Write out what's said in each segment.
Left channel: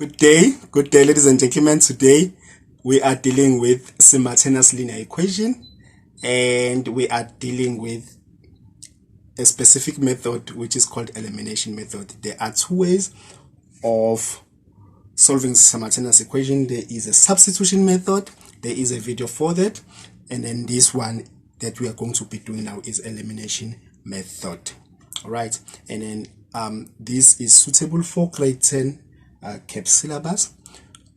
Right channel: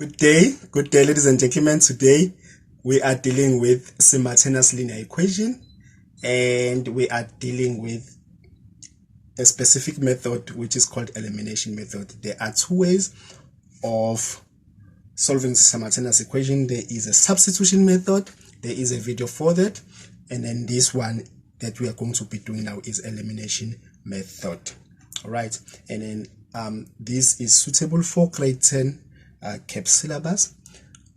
Good day, ladies and gentlemen. Today we are dealing with simultaneous linear equation, and we are dealing with a specific method which is called elimination method. There are two ways of solving simultaneous equation. There is a substitution method. There is a video for that, and then this one that we are going to be doing now is elimination method. All right, and then this is suitable for grade 10 CAP syllabus,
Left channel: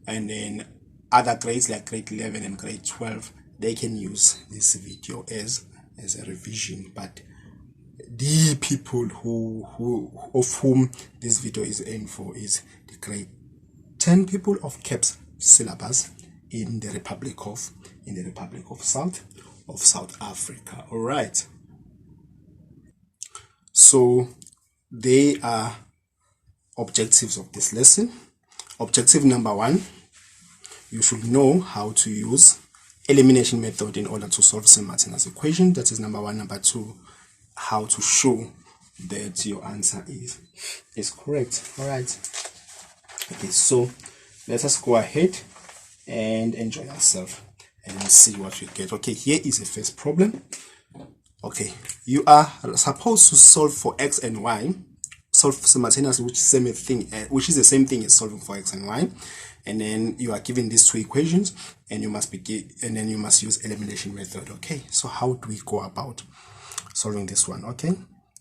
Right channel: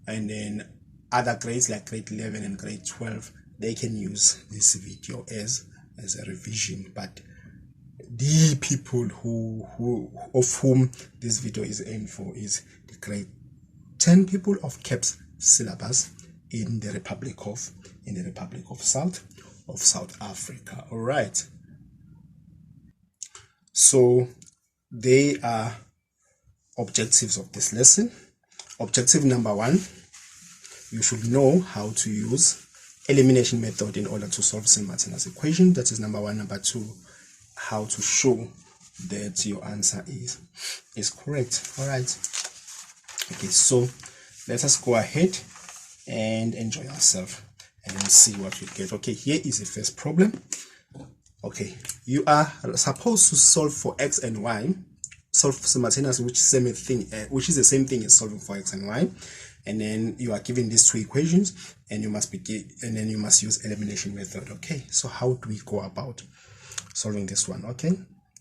and then other grades like grade 11 and grade 12, they can use this video as a revision. But the people of whom this video is aimed for is the grade 10 people of CAPS syllabus in the Republic of South Africa. All right, so they are objectives of this lesson. Objective number 1, you should know how to use elimination method in order to solve simultaneous equation. That is number 1. Number 2, how to show that your answer is correct. All right, okay, so let us go ahead and enjoy ourselves and then see what we get. Okay, here is the first problem. Okay, you are supposed to solve for x and y, solve simultaneously, which is the same thing as solving for x and y, and then you are given these two equations, and you must use elimination method. Okay, so how do we go about solving this one? Okay,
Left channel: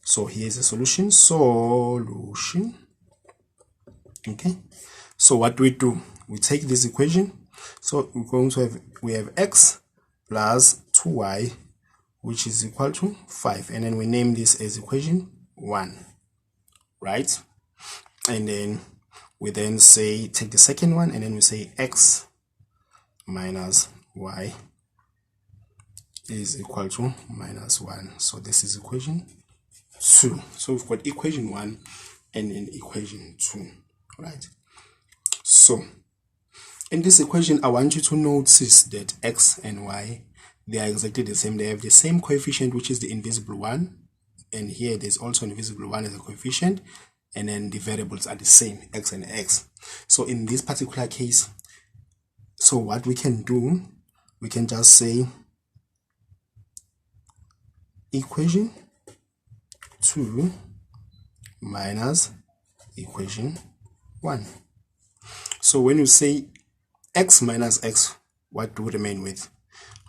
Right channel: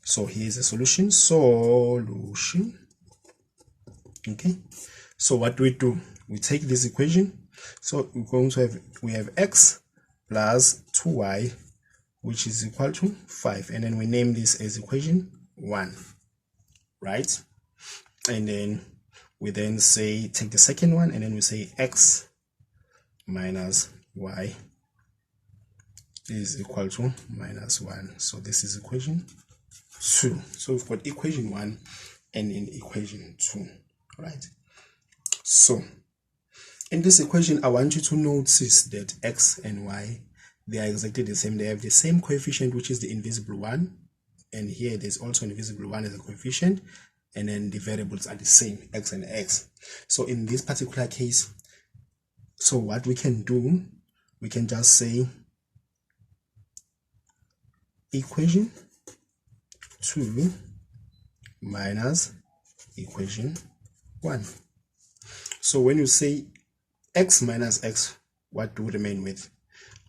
so here's the solution. Okay, so what do? We take this equation. So we're going to have x plus 2y, which is equal to 5, and then we name this as equation 1, right? And then we then say take the second one, and then we say x minus y is equal to minus 1. So this is equation 2. So we've got equation 1 and then equation 2, right? So in this equation, I want you to notice that x and y, they are exactly the same. They have the same coefficient, which is the invisible 1, and here there's also invisible 1 as a coefficient, and then the variables are the same, x and x. So in this particular case, so what we can do, we can just say equation 2 minus equation 1. So when you say x minus x, what do we remain with?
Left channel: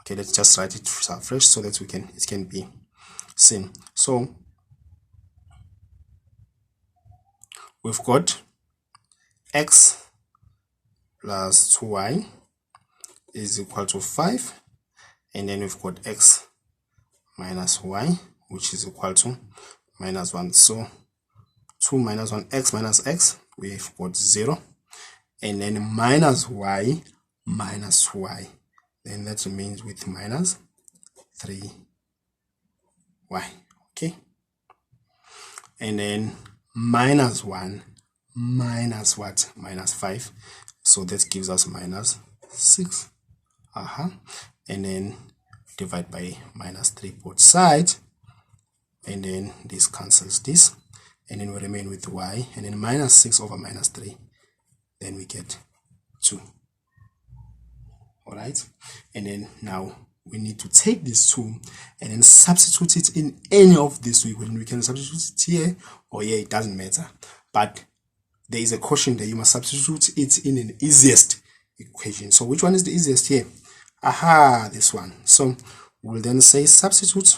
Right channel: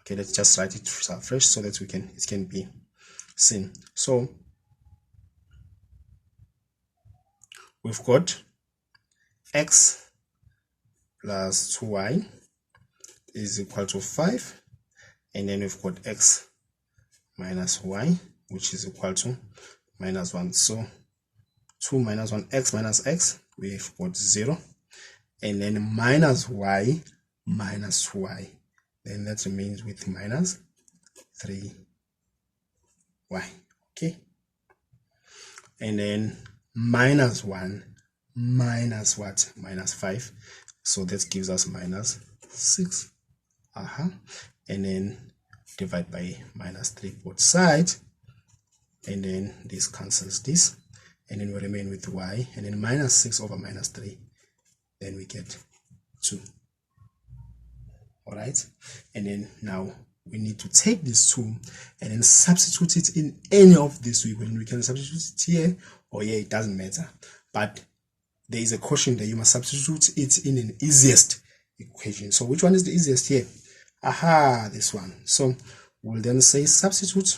Okay, let's just write it fresh so that it can be seen. So we've got x plus 2y is equal to 5, and then we've got x minus y, which is equal to minus 1. So 2 minus 1, x minus x, we've got 0, and then minus y minus y, then that remains with minus 3y. Okay, and then minus 1 minus what? Minus 5, so that gives us minus 6. And then divide by minus 3 both sides, and then this cancels this, and then we remain with y, and then minus 6 over minus 3, then we get 2. All right, and then now we need to take this 2 and then substitute it in any of these two equations. We can substitute it here or here, it doesn't matter, but there is a caution there. You must substitute it in an easiest equation. So which one is the easiest here? This one. So we'll then say substitute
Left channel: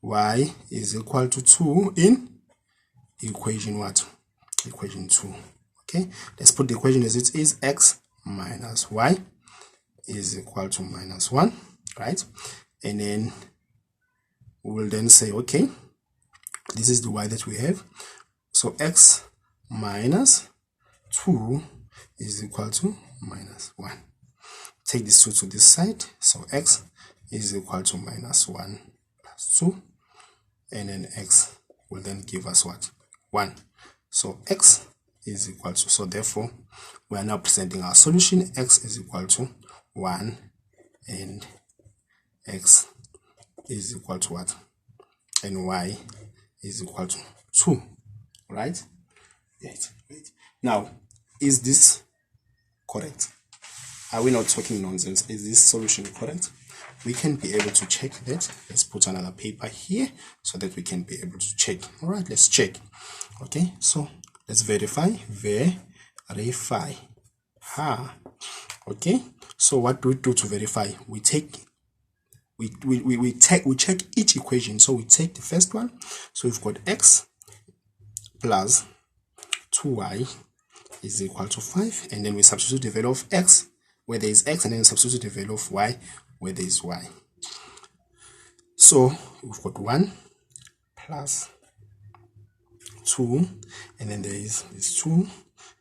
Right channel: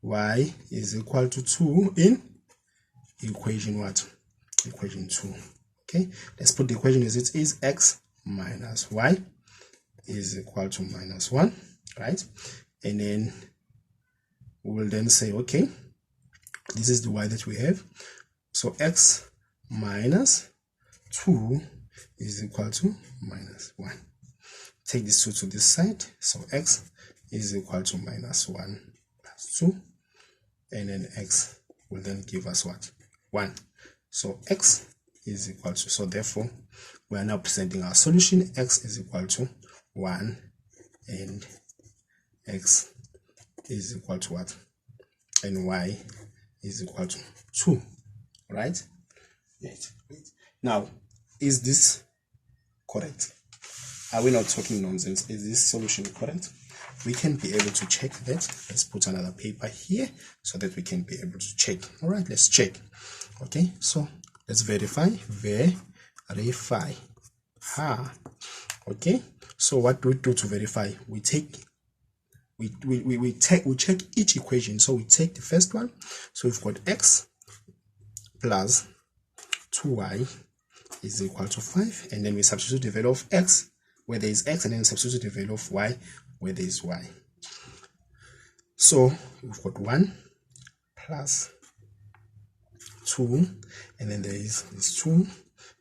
y is equal to 2 in equation what? Equation 2. Okay, let's put the equation as it is. X minus y is equal to minus 1, right? And then we will then say, okay, this is the y that we have. So x minus 2 is equal to minus 1. Take this 2 to this side. So x is equal to minus 1 plus 2. And then x will then give us what? 1. So x is equal to, so therefore we are now presenting our solution. X is equal to 1 and x is equal to what? And y is equal to 2, right? Yes. Now, is this correct? Are we not talking nonsense? Is this solution correct? We can be able to check that. Let's put another paper here so that we can be able to check. All right, let's check. Okay, so let's verify. Verify. Okay, so what do we do to verify? We check each equation. So we take the first one. So we've got x plus 2y is equal to 5, and then we substitute the value of x where there is x, and then substitute the value of y where there is y. So we've got 1 plus 2, and then there is this 2,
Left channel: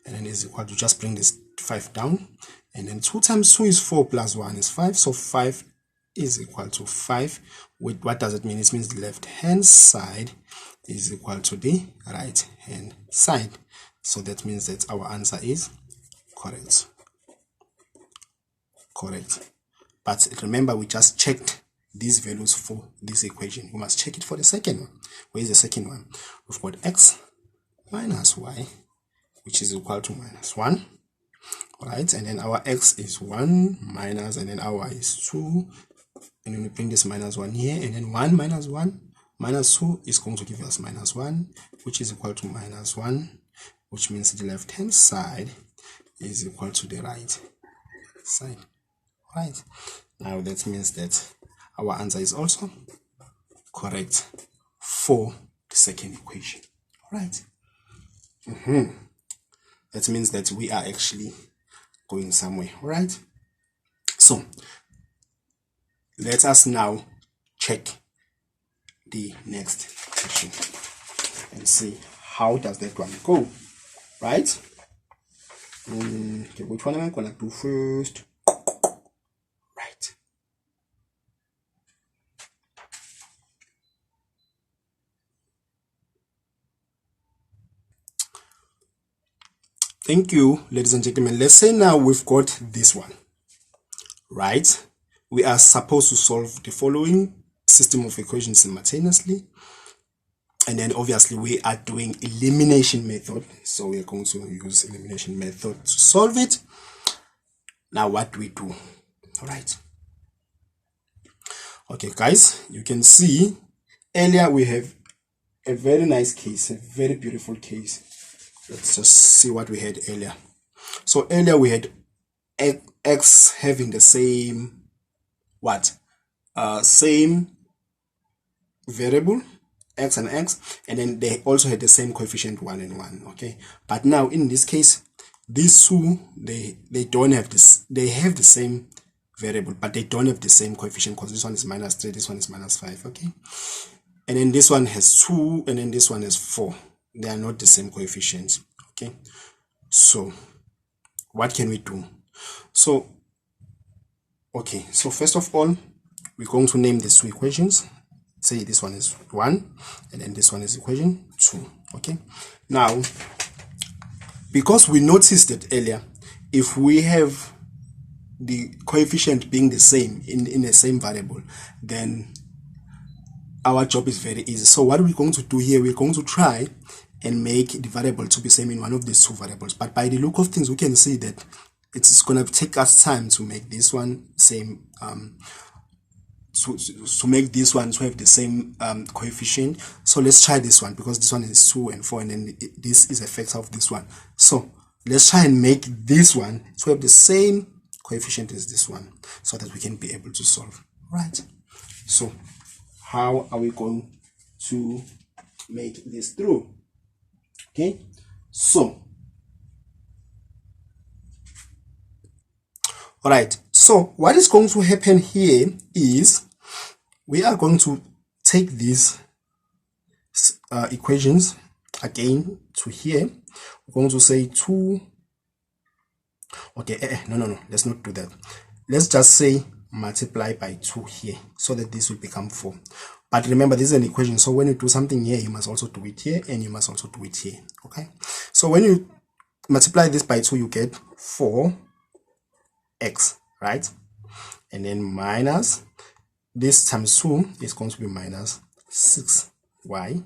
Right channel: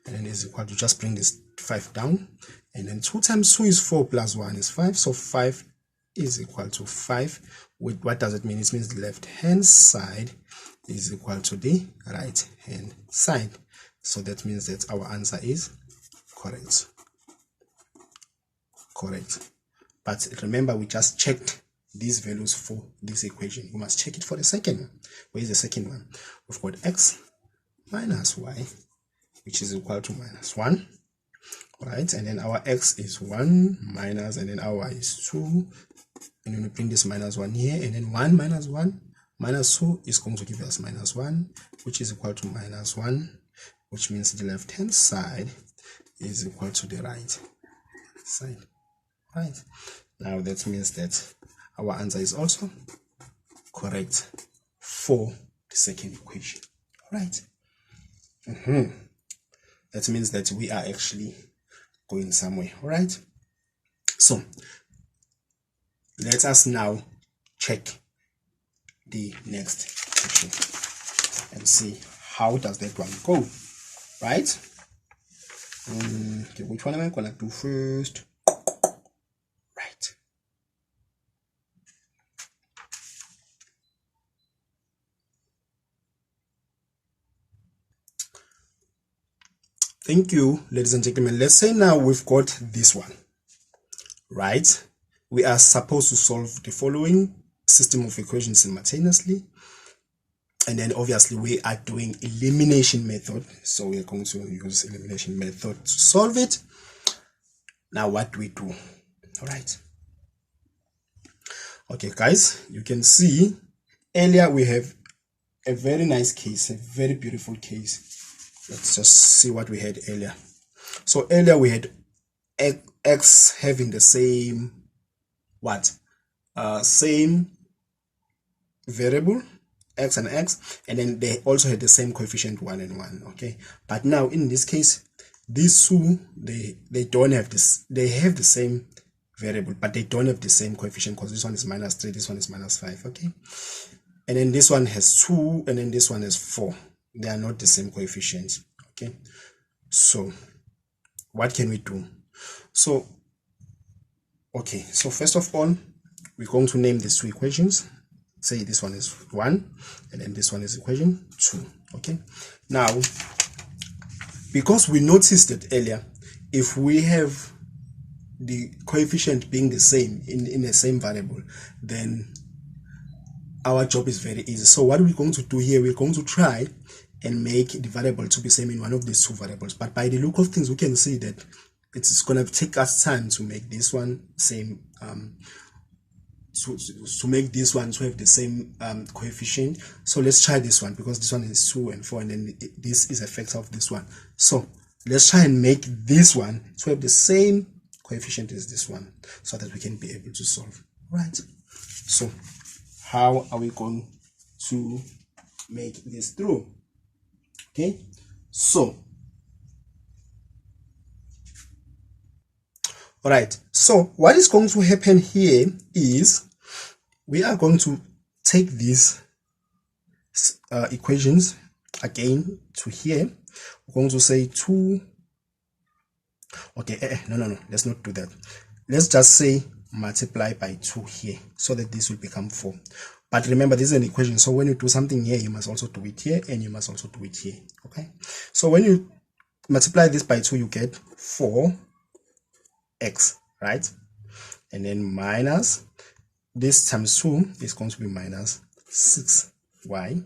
and then is equal to, just bring this 5 down, and then 2 times 2 is 4 plus 1 is 5, so 5 is equal to 5. What does it mean? It means the left hand side is equal to the right hand side. So that means that our answer is correct. But remember, we just checked these values for this equation. We must check it for the second one. Where is the second one? We've got x minus y, which is equal to minus 1. All right, and then our x is 1 minus, and then our y is 2. And then we bring this minus 1 here, and then 1 minus 1 minus 2 is going to give us minus 1, which is equal to minus 1, which means the left hand side is equal to the right side. Right, now that means that our answer is also correct for the second equation. All right. That means that we are actually going somewhere. All right, so let us now check the next section and see how does that one go. Right, okay, which one am I gonna do first? Right, thank you, ladies and gentlemen. Let's say now we've got this one. Right, we are supposed to solve the following system of equations simultaneously, and then obviously we are doing elimination method, so we are going to use elimination method to solve it. Now what do we do? All right, okay guys, you can see earlier we have a very nice case, a very beautiful case. Let's just see what we had earlier. So earlier we had x having the same same variable, x and x, and then they also had the same coefficient 1 and 1. Okay, but now in this case, these two, they don't have this. They have the same variable, but they don't have the same coefficient, because this one is minus 3, this one is minus 5. Okay, and then this one has 2, and then this one has 4. They are not the same coefficients. Okay, so what can we do? So okay, so first of all, we're going to name these two equations. Say this one is 1, and then this one is equation 2. Okay, now because we noticed that earlier, if we have the coefficient being the same in the same variable, then our job is very easy. So what we're going to do here, we're going to try and make the variable to be same in one of these two variables. But by the look of things, we can see that it's going to take us time to make this one same, to make this one to have the same coefficient. So let's try this one, because this one is 2 and 4, and then this is a factor of this one. So let's try and make this one to have the same coefficient as this one, so that we can be able to solve. Right, so how are we going to make this through? Okay, so all right, so what is going to happen here is we are going to take these equations again to here. We're going to say 2. Okay, no, let's not do that. Let's just say multiply by 2 here, so that this will become 4. But remember, this is an equation, so when you do something here, you must also do it here, and you must also do it here. Okay, so when you multiply this by 2, you get 4x, right? And then minus this times 2 is going to be minus 6y,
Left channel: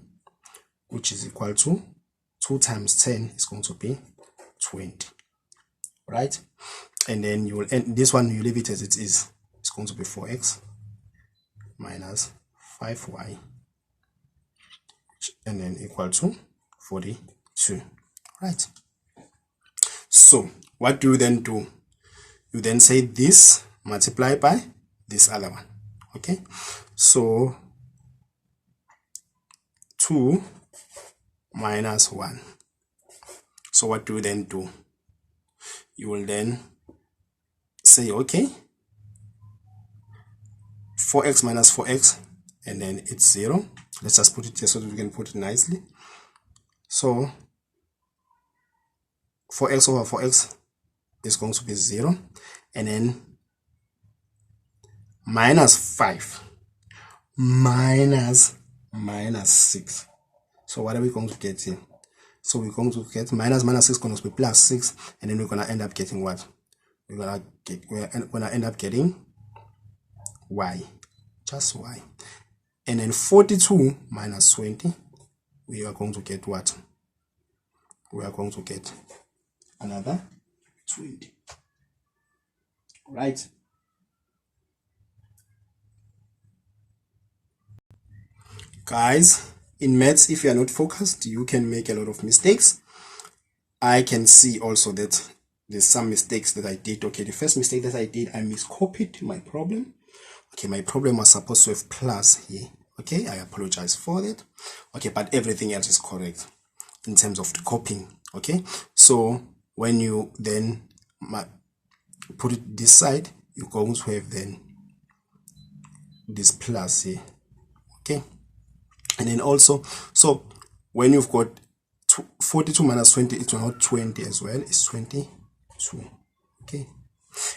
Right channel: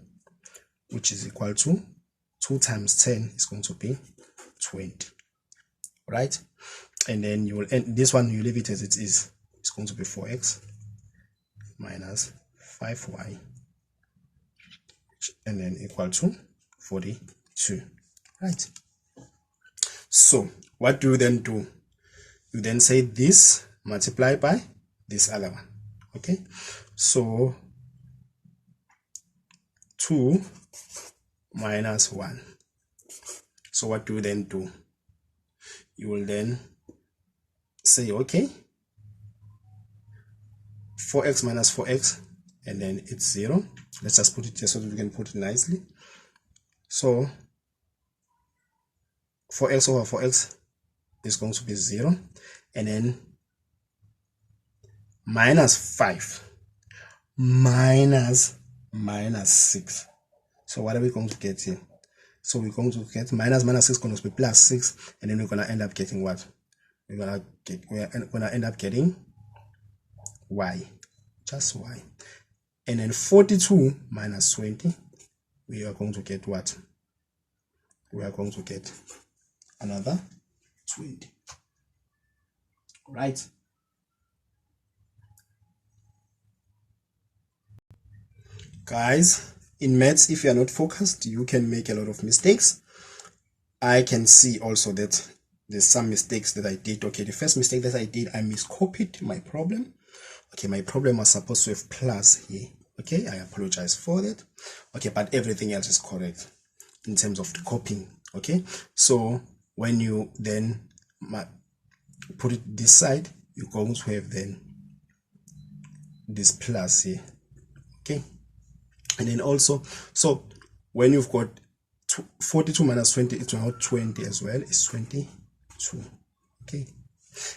which is equal to 2 times 10 is going to be 20, right? And then you will end this one, you leave it as it is. It's going to be 4x minus 5y, and then equal to 42, right? So what do you then do? You then say this multiply by this other one, okay? So 2 minus 1. So what do you then do? You will then say, okay, 4x minus 4x, and then it's 0. Let's just put it here so that we can put it nicely. So 4x over 4x is going to be 0, and then minus 5 minus 6. So what are we going to get here? So we're going to get minus 6 is going to be plus 6, and then we're going to end up getting what? We're going to end up getting y, just y. And then 42 minus 20, we are going to get what? We are going to get another 20, right? Guys, in maths, if you are not focused, you can make a lot of mistakes. I can see also that there's some mistakes that I did. Okay, the first mistake that I did, I miscopied my problem. Okay, my problem was supposed to have plus here. Okay, I apologize for that. Okay, but everything else is correct in terms of the copying. Okay, so when you then put it this side, you're going to have then this plus here. Okay, and then also, so when you've got 42 minus 20, it's not 20 as well, it's 22. Okay,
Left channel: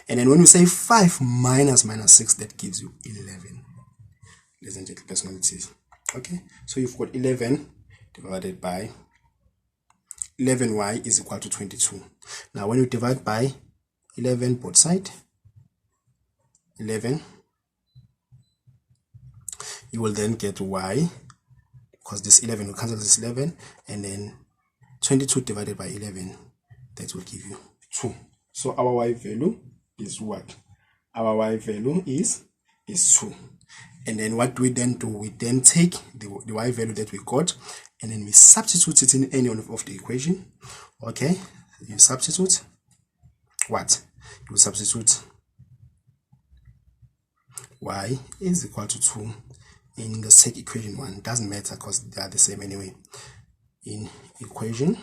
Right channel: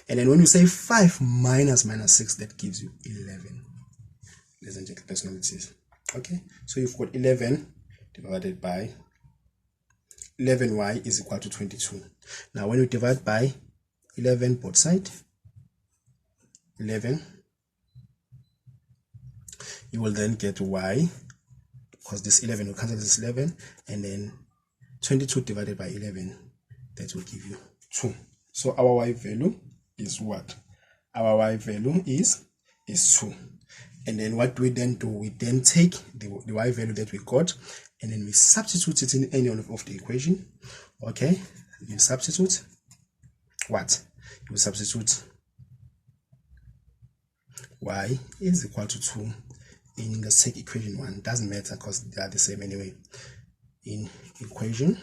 and then when you say 5 minus 6, that gives you 11. Ladies and gentlemen, personalities. Okay, so you've got 11 divided by 11y is equal to 22. Now when you divide by 11 both sides, 11, you will then get y, because this 11 will cancel this 11, and then 22 divided by 11, that will give you 2. So our y value is what? Our y value is 2. And then what we then do, we then take the y value that we got, and then we substitute it in any one of the equation. Okay, you substitute what? You substitute y is equal to 2 in the second equation 1. Doesn't matter because they are the same anyway. In equation,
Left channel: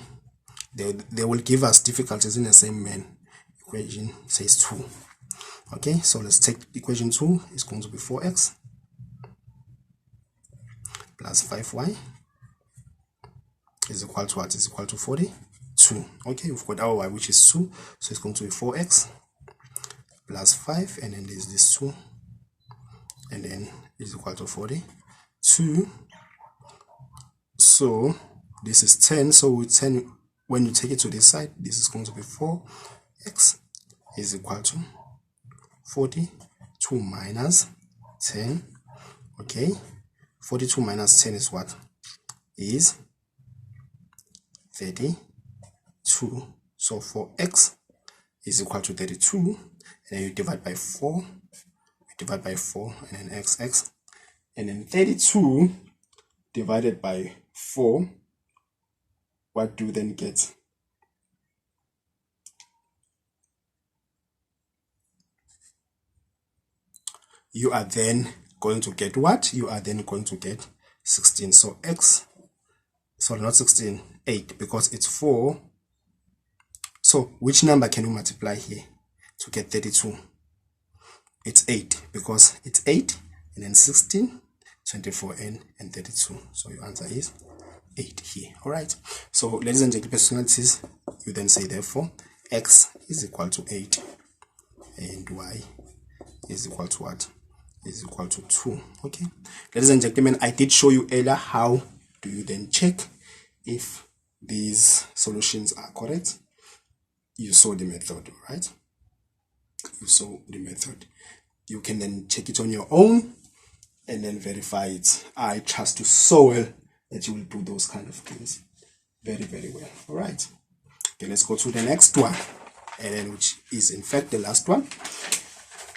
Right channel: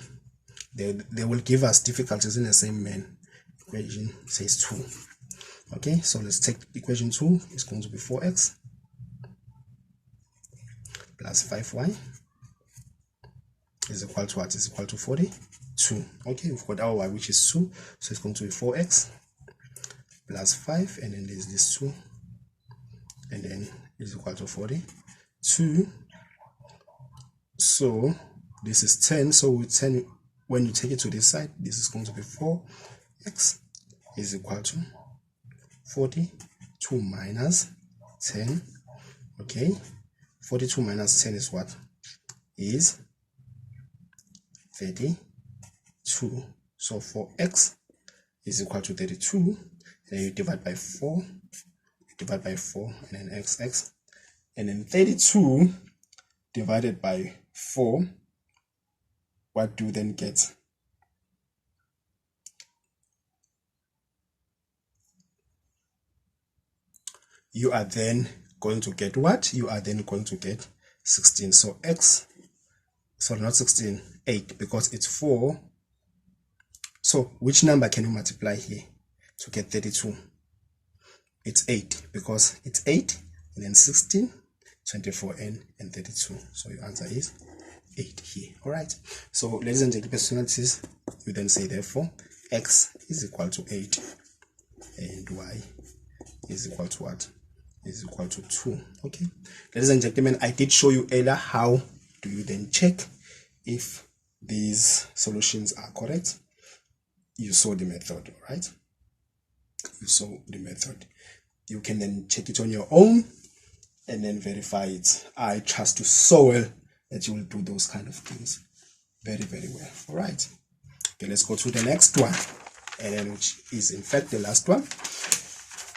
they will give us difficulties in the same man. Equation says 2. Okay, so let's take equation 2. It's going to be 4x plus 5y is equal to what? Is equal to 42. Okay, we've got our y, which is 2, so it's going to be 4x plus 5, and then there's this 2, and then is equal to 42. So this is 10, so with 10, when you take it to this side, this is going to be 4x is equal to 42 minus 10. Okay, 42 minus 10 is what? Is 32. So 4x is equal to 32, and then you divide by 4, and then x, and then 32 divided by 4, what do you then get? You are then going to get what? You are then going to get 16. So x, sorry, not 16, 8, because it's 4. So which number can you multiply here to get 32? It's 8, because it's 8, and then 16, 24, and 32. So your answer is 8 here. All right. So ladies and gentlemen, personalities, you then say therefore x is equal to 8, and y is equal to what? Is equal to 2. Okay, ladies and gentlemen, I did show you earlier how do you then check if these solutions are correct. You saw the method, all right? You saw the method. You can then check it on your own and then verify it. I trust you so well that you will do those kind of things very, very well. All right. Okay, let's go to the next one, and then which is in fact the last one.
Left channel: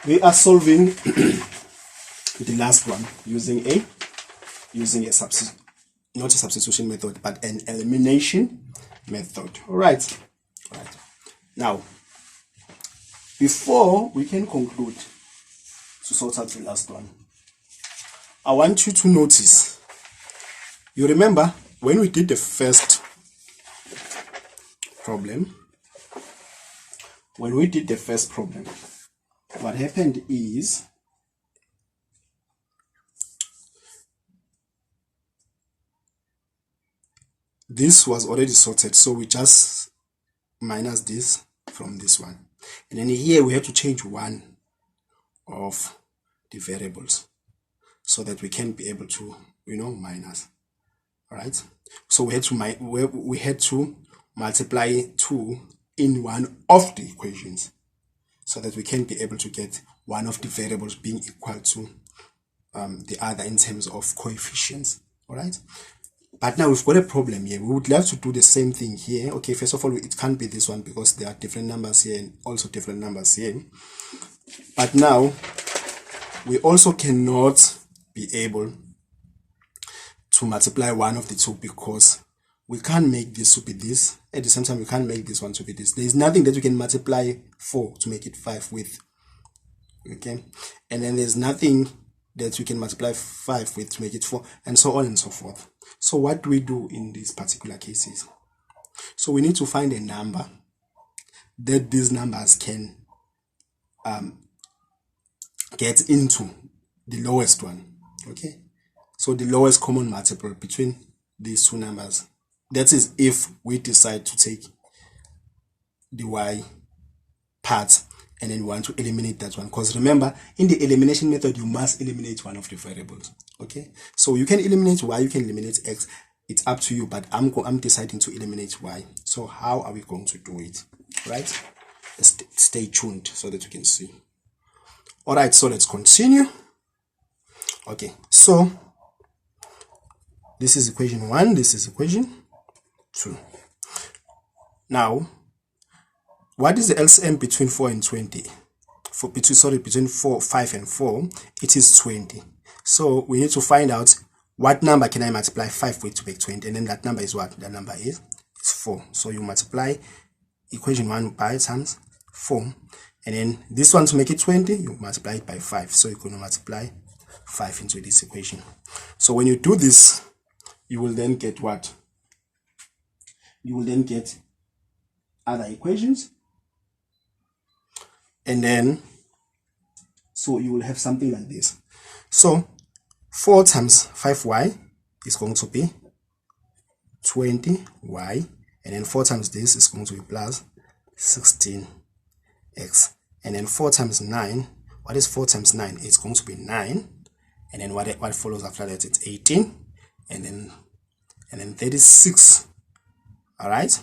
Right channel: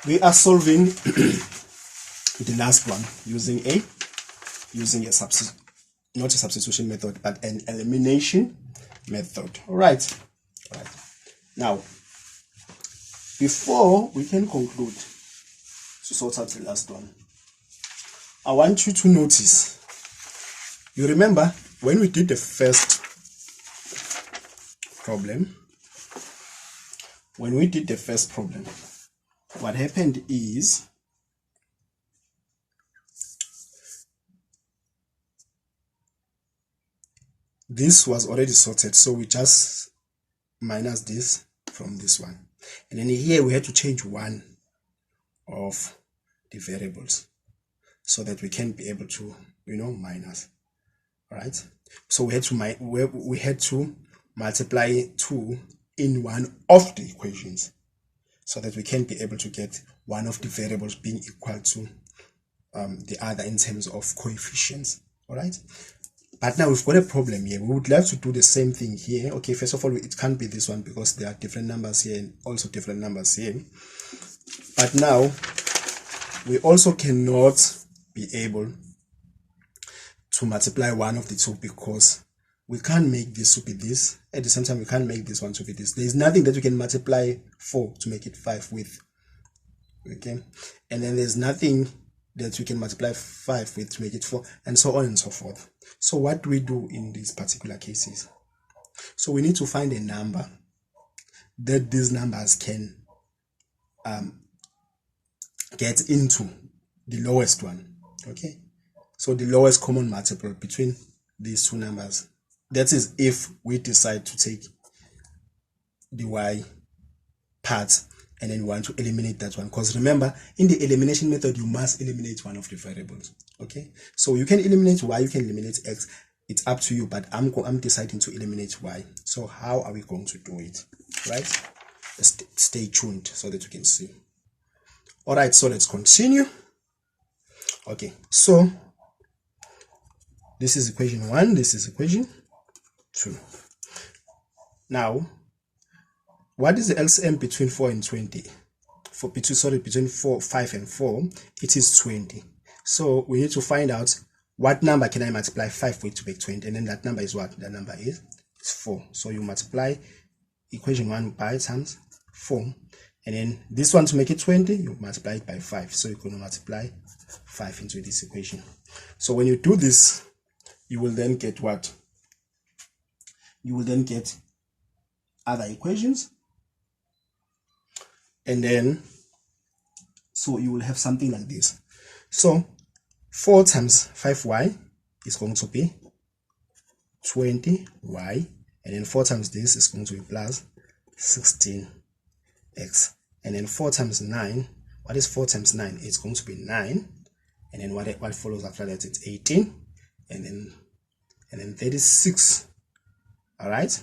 We are solving the last one using a not a substitution method, but an elimination method. All right. Now, before we can conclude to sort out the last one, I want you to notice. You remember when we did the first problem? When we did the first problem, what happened is this was already sorted, so we just minus this from this one, and then here we had to change one of the variables so that we can be able to minus. All right, so we had to multiply 2 in one of the equations so that we can be able to get one of the variables being equal to the other in terms of coefficients. All right, but now we've got a problem here. We would love to do the same thing here. Okay, first of all, it can't be this one because there are different numbers here and also different numbers here. But now we also cannot be able to multiply one of the two because we can't make this to be this. At the same time, we can't make this one to be this. There is nothing that we can multiply 4 to make it 5 with. Okay, and then there's nothing that we can multiply 5 with to make it 4, and so on and so forth. So what do we do in these particular cases? So we need to find a number that these numbers can get into the lowest one. Okay, so the lowest common multiple between these two numbers. That is if we decide to take the y part and then we want to eliminate that one, because remember, in the elimination method you must eliminate one of the variables. Okay, so you can eliminate y, you can eliminate x, it's up to you, but I'm deciding to eliminate y. So how are we going to do it? Right, stay tuned so that you can see. All right, so let's continue. Okay, so this is equation 1, this is equation 2. Now, what is the LCM between 4 and 20? Between 5 and 4, it is 20. So we need to find out what number can I multiply 5 with to make 20, and then that number is what? That number is 4. So you multiply equation 1 by times 4, and then this one to make it 20, you multiply it by 5. So you're going to multiply 5 into this equation. So when you do this, you will then get what? You will then get other equations, and then so you will have something like this. So 4 times 5y is going to be 20y, and then 4 times this is going to be plus 16x, and then 4 times 9, what is 4 times 9? It's going to be 9, and then what follows after that, it's 18, and then 36. All right,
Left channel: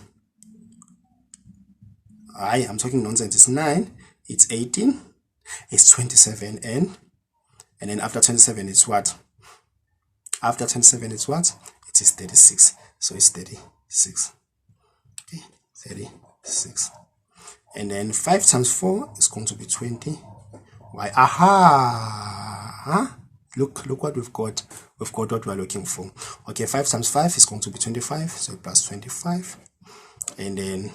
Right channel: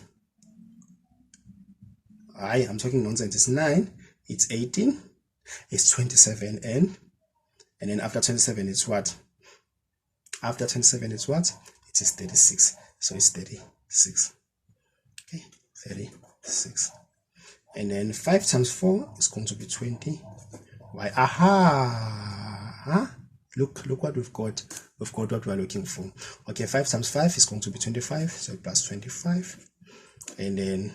I'm talking nonsense. It's 9, it's 18, it's 27, and then after 27 it's what? After 27 it's what? It is 36. So it's 36. Okay, 36. And then 5 times 4 is going to be 20. Why? Aha! Look what we've got. We've got what we're looking for. Okay, 5 times 5 is going to be 25. So plus 25. And then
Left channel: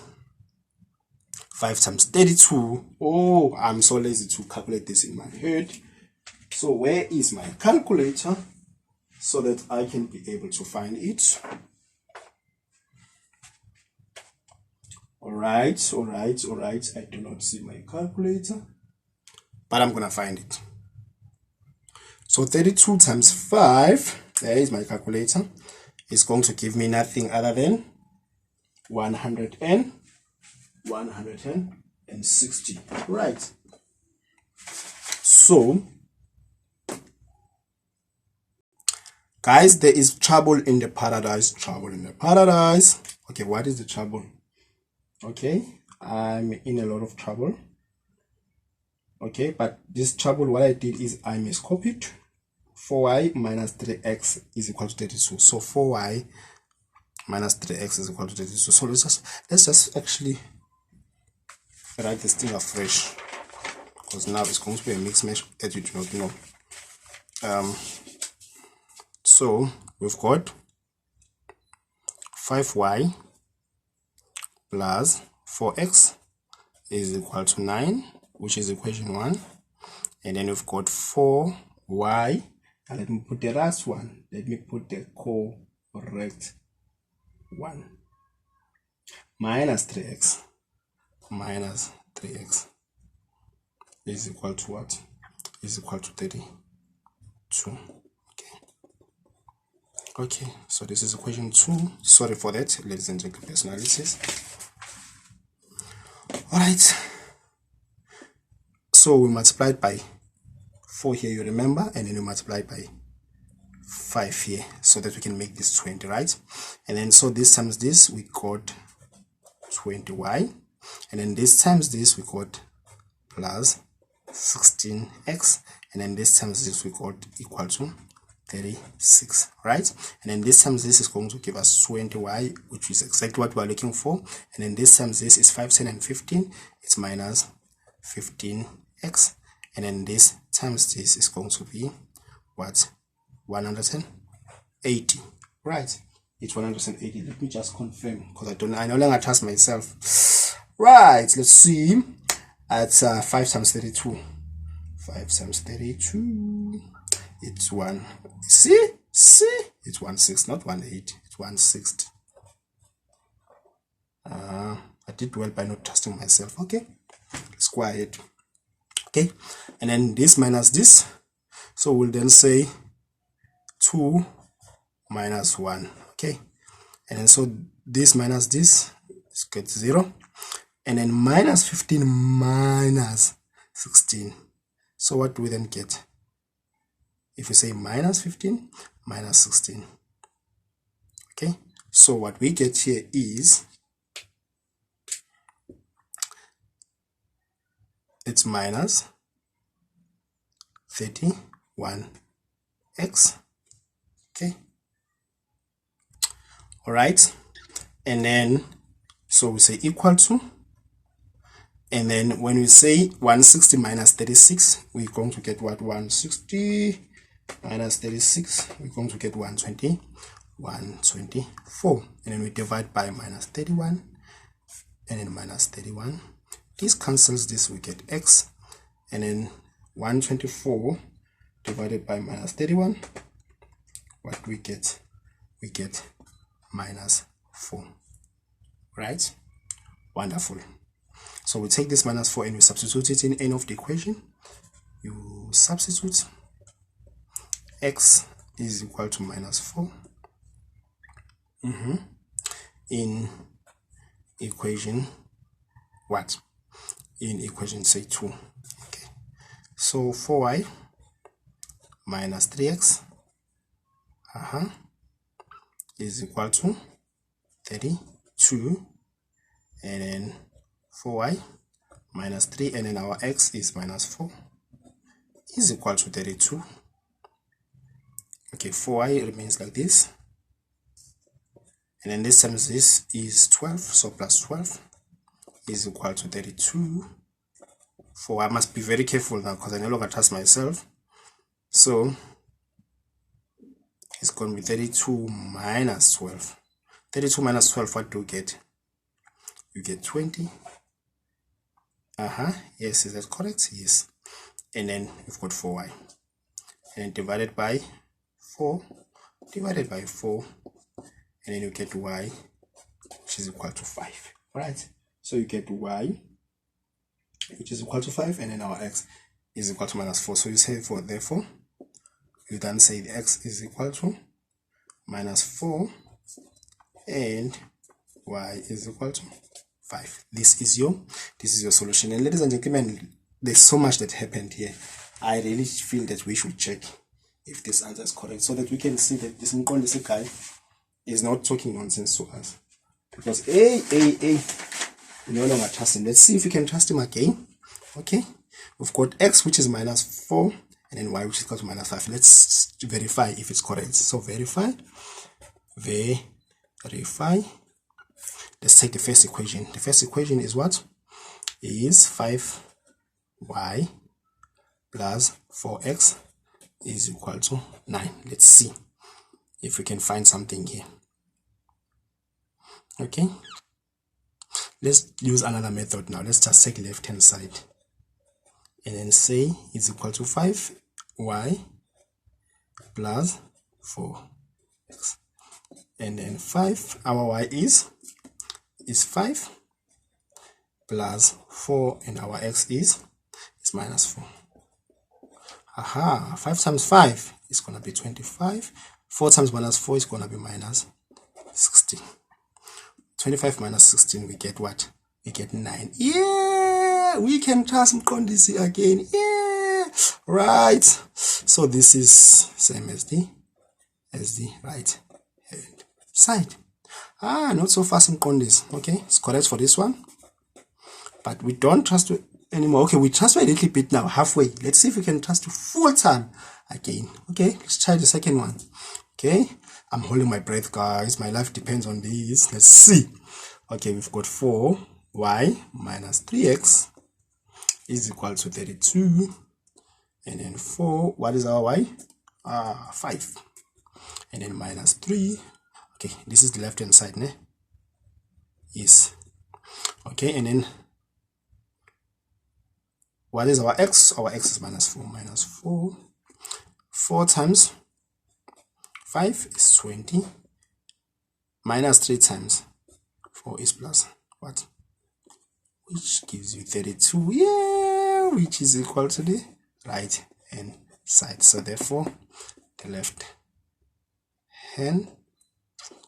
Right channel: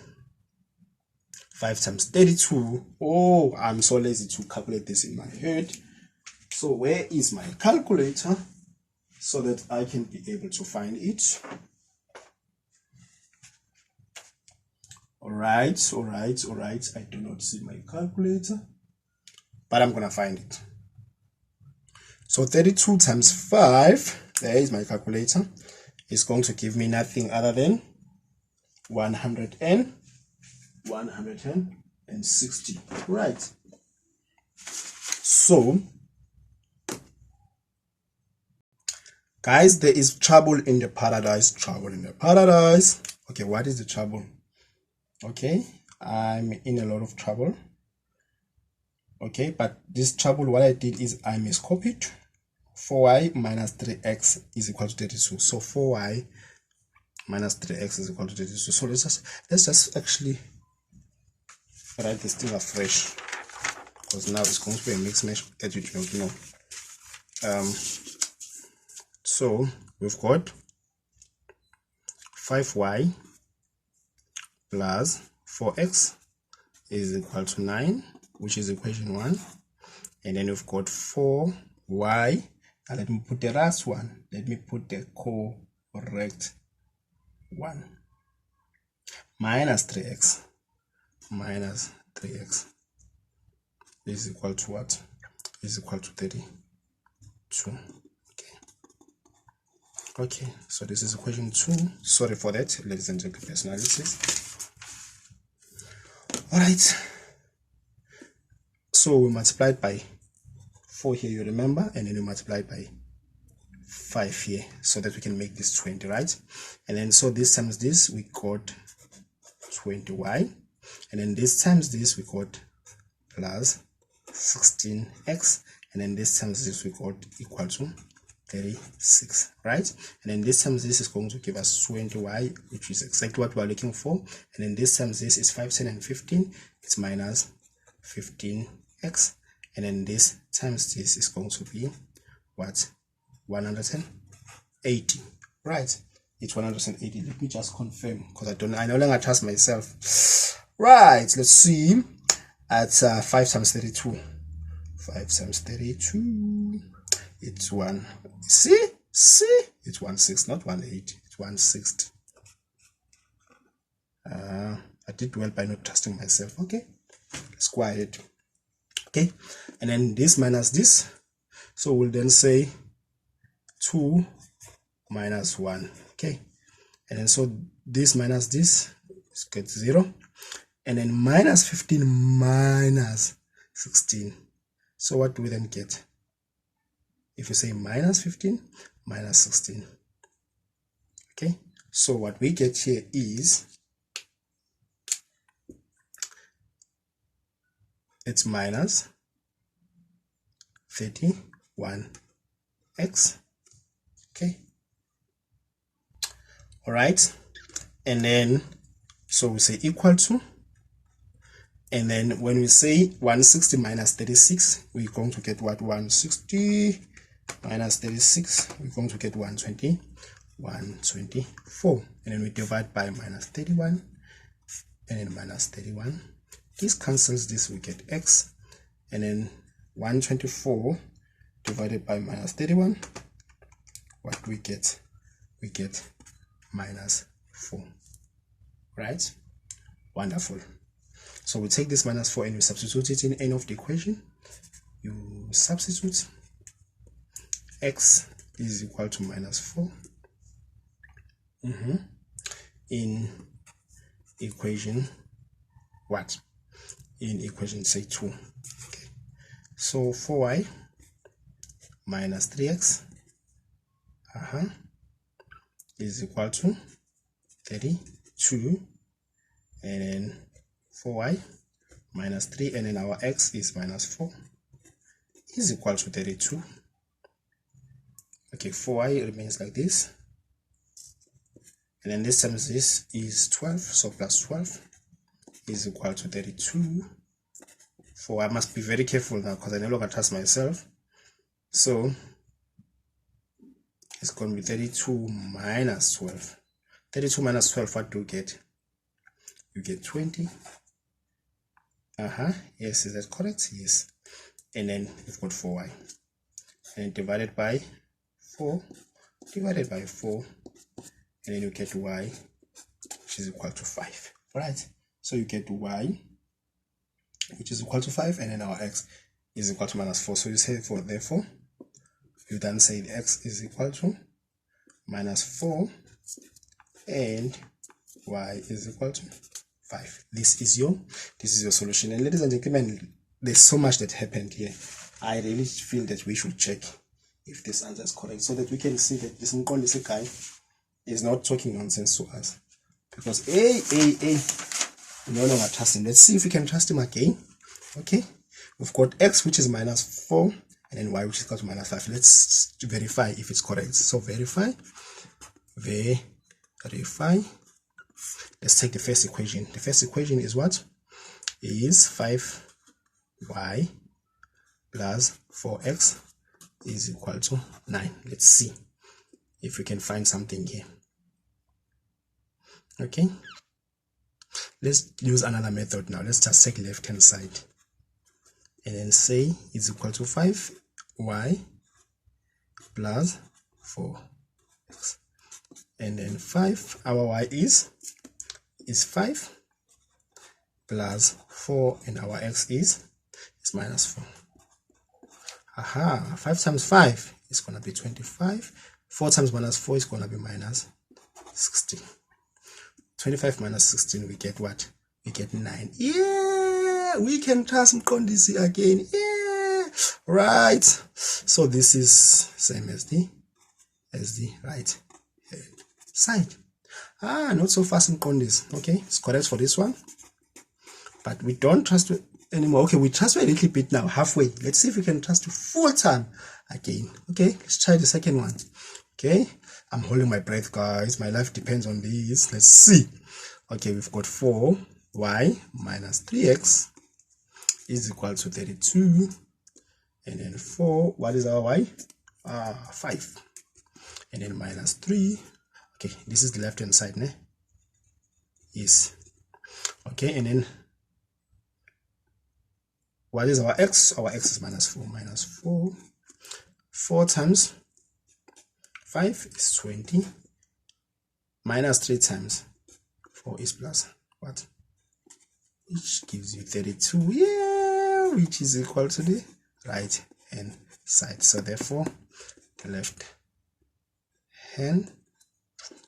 5 times 32. Oh, I'm so lazy to calculate this in my head. So where is my calculator so that I can be able to find it? All right. I do not see my calculator, but I'm going to find it. So 32 times 5, there is my calculator, is going to give me nothing other than 160. Right. So, guys, there is trouble in the paradise. Okay, what is the trouble? Okay, I'm in a lot of trouble. Okay, but this trouble, what I did is I miscopied. 4y minus 3x is equal to 32. So 4y minus 3x is equal to 32. So let's just actually write this thing afresh, because now it's going to be a mixed match that you do not know. So we've got 5y plus 4x is equal to 9, which is equation 1. And then we've got 4y. And let me put the last one. Let me put the correct one. Minus 3x. Minus 3x is equal to what? Is equal to 32. Okay, so this is equation 2. Sorry for that, ladies and gentlemen, personalities. Alright, so we multiplied by 4 here, you remember, and then we multiplied by 5 here, so that we can make this 20, right? And then so this times this, we got 20y, and then this times this, we got plus 16x, and then this times this, we got equal to 36, right? And then this times this is going to give us 20y, which is exactly what we're looking for. And then this times this is 5, 10, and 15. It's minus 15x. And then this times this is going to be what? 180, right? It's 180. Let me just confirm, because I no longer trust myself. Right, let's see. At 5 times 32. 5 times 32. It's 1. See, it's 160, not 180. It's 160. I did well by not trusting myself. Okay, let's go ahead. Okay, and then this minus this, so we'll then say 2 minus 1. Okay, and then so this minus this is get 0, and then minus 15 minus 16. So what do we then get? If you say minus 15 minus 16, okay, so what we get here is it's minus 31x. Okay, all right, and then so we say equal to, and then when we say 160 minus 36, we're going to get what? 160 minus 36, we're going to get 124, and then we divide by minus 31, and then minus 31. This cancels this, we get x, and then 124 divided by minus 31, what we get? We get minus 4, right? Wonderful. So we take this minus 4 and we substitute it in any of the equation. You substitute x is equal to minus 4 in equation what? In equation say 2. Okay, so 4y minus 3x is equal to 32, and then 4y minus 3, and then our x is minus 4 is equal to 32. Okay, 4y remains like this, and then this times this is 12, so plus 12 is equal to 32. I must be very careful now, because I no longer trust myself. So it's going to be 32 minus 12. 32 minus 12, what do you get? You get 20. Yes, is that correct? Yes. And then you've got 4y, and then divided by 4, divided by 4, and then you get y, which is equal to 5. All right, so you get y, which is equal to 5, and then our x is equal to minus 4. So you say therefore you then say the x is equal to minus 4 and y is equal to 5. This is your solution. And ladies and gentlemen, there's so much that happened here. I really feel that we should check if this answer is correct, so that we can see that this Mkondisi guy is not talking nonsense to us. Because we no longer trust him. Let's see if we can trust him again. Okay, we've got x, which is minus 4, and then y, which is equal to minus 5. Let's verify if it's correct. So verify verify. Let's take the first equation. The first equation is what? Is 5y plus 4x is equal to 9. Let's see if we can find something here. Okay, let's use another method now. Let's just take left hand side and then say it's equal to 5y plus 4x, and then 5, our y is 5 plus 4, and our x is minus 4. Aha, 5 times 5 is going to be 25. 4 times minus 4 is going to be minus 16. 25 minus 16, we get what? We get 9. Yeah, we can trust Mqondisi again. Yeah, right. So this is same as the right hand side. Not so fast Mqondisi. Okay, it's correct for this one, but we don't trust you anymore. Okay, we trust you a little bit now, halfway. Let's see if we can trust you full time again. Okay, let's try the second one. Okay, I'm holding my breath, guys. My life depends on this. Let's see. Okay, we've got 4y minus 3x is equal to 32, and then 4, what is our y? 5, and then minus 3. Okay, this is the left hand side, ne? Yes. Okay, and then what is our x? Our x is minus 4. Minus 4. 4 times 5 is 20. Minus 3 times 4 is plus what? Which gives you 32. Yeah, which is equal to the right hand side. So therefore, the left hand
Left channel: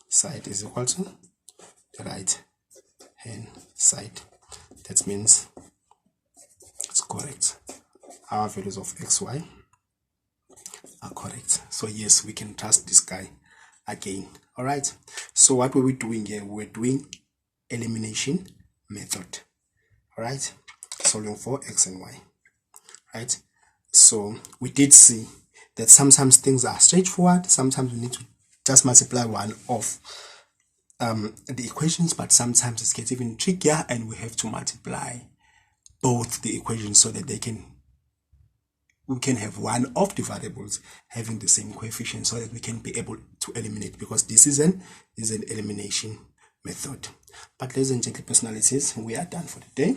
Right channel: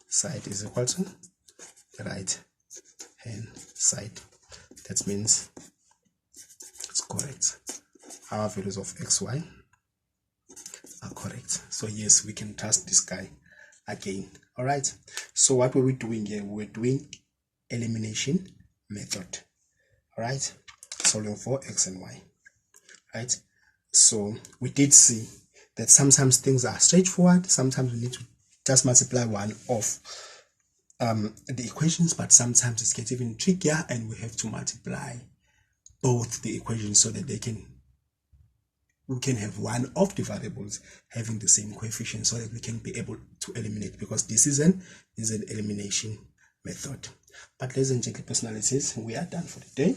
side is equal to the right hand side. That means it's correct. Our values of xy are correct. So yes, we can trust this guy again. All right, so what were we doing here? We're doing elimination method. All right, solving for x and y. Right, so we did see that sometimes things are straightforward, sometimes we need to just multiply one of the equations, but sometimes it gets even trickier and we have to multiply both the equations so that we can have one of the variables having the same coefficient so that we can be able to eliminate, because this is an elimination method. But ladies and gentlemen, personalities, we are done for the day.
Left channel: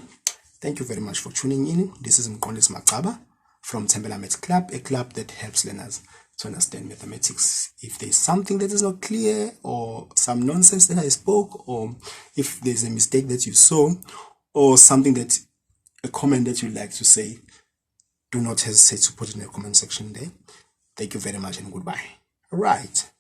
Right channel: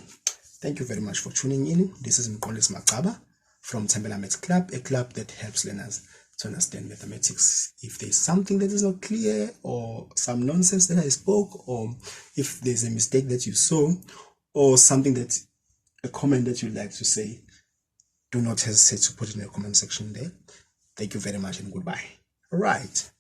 Thank you very much for tuning in. This is Mqondisi Macaba from Thembela Maths Club, a club that helps learners to understand mathematics. If there's something that is not clear, or some nonsense that I spoke, or if there's a mistake that you saw, or something a comment that you'd like to say, do not hesitate to put it in the comment section there. Thank you very much and goodbye. All right.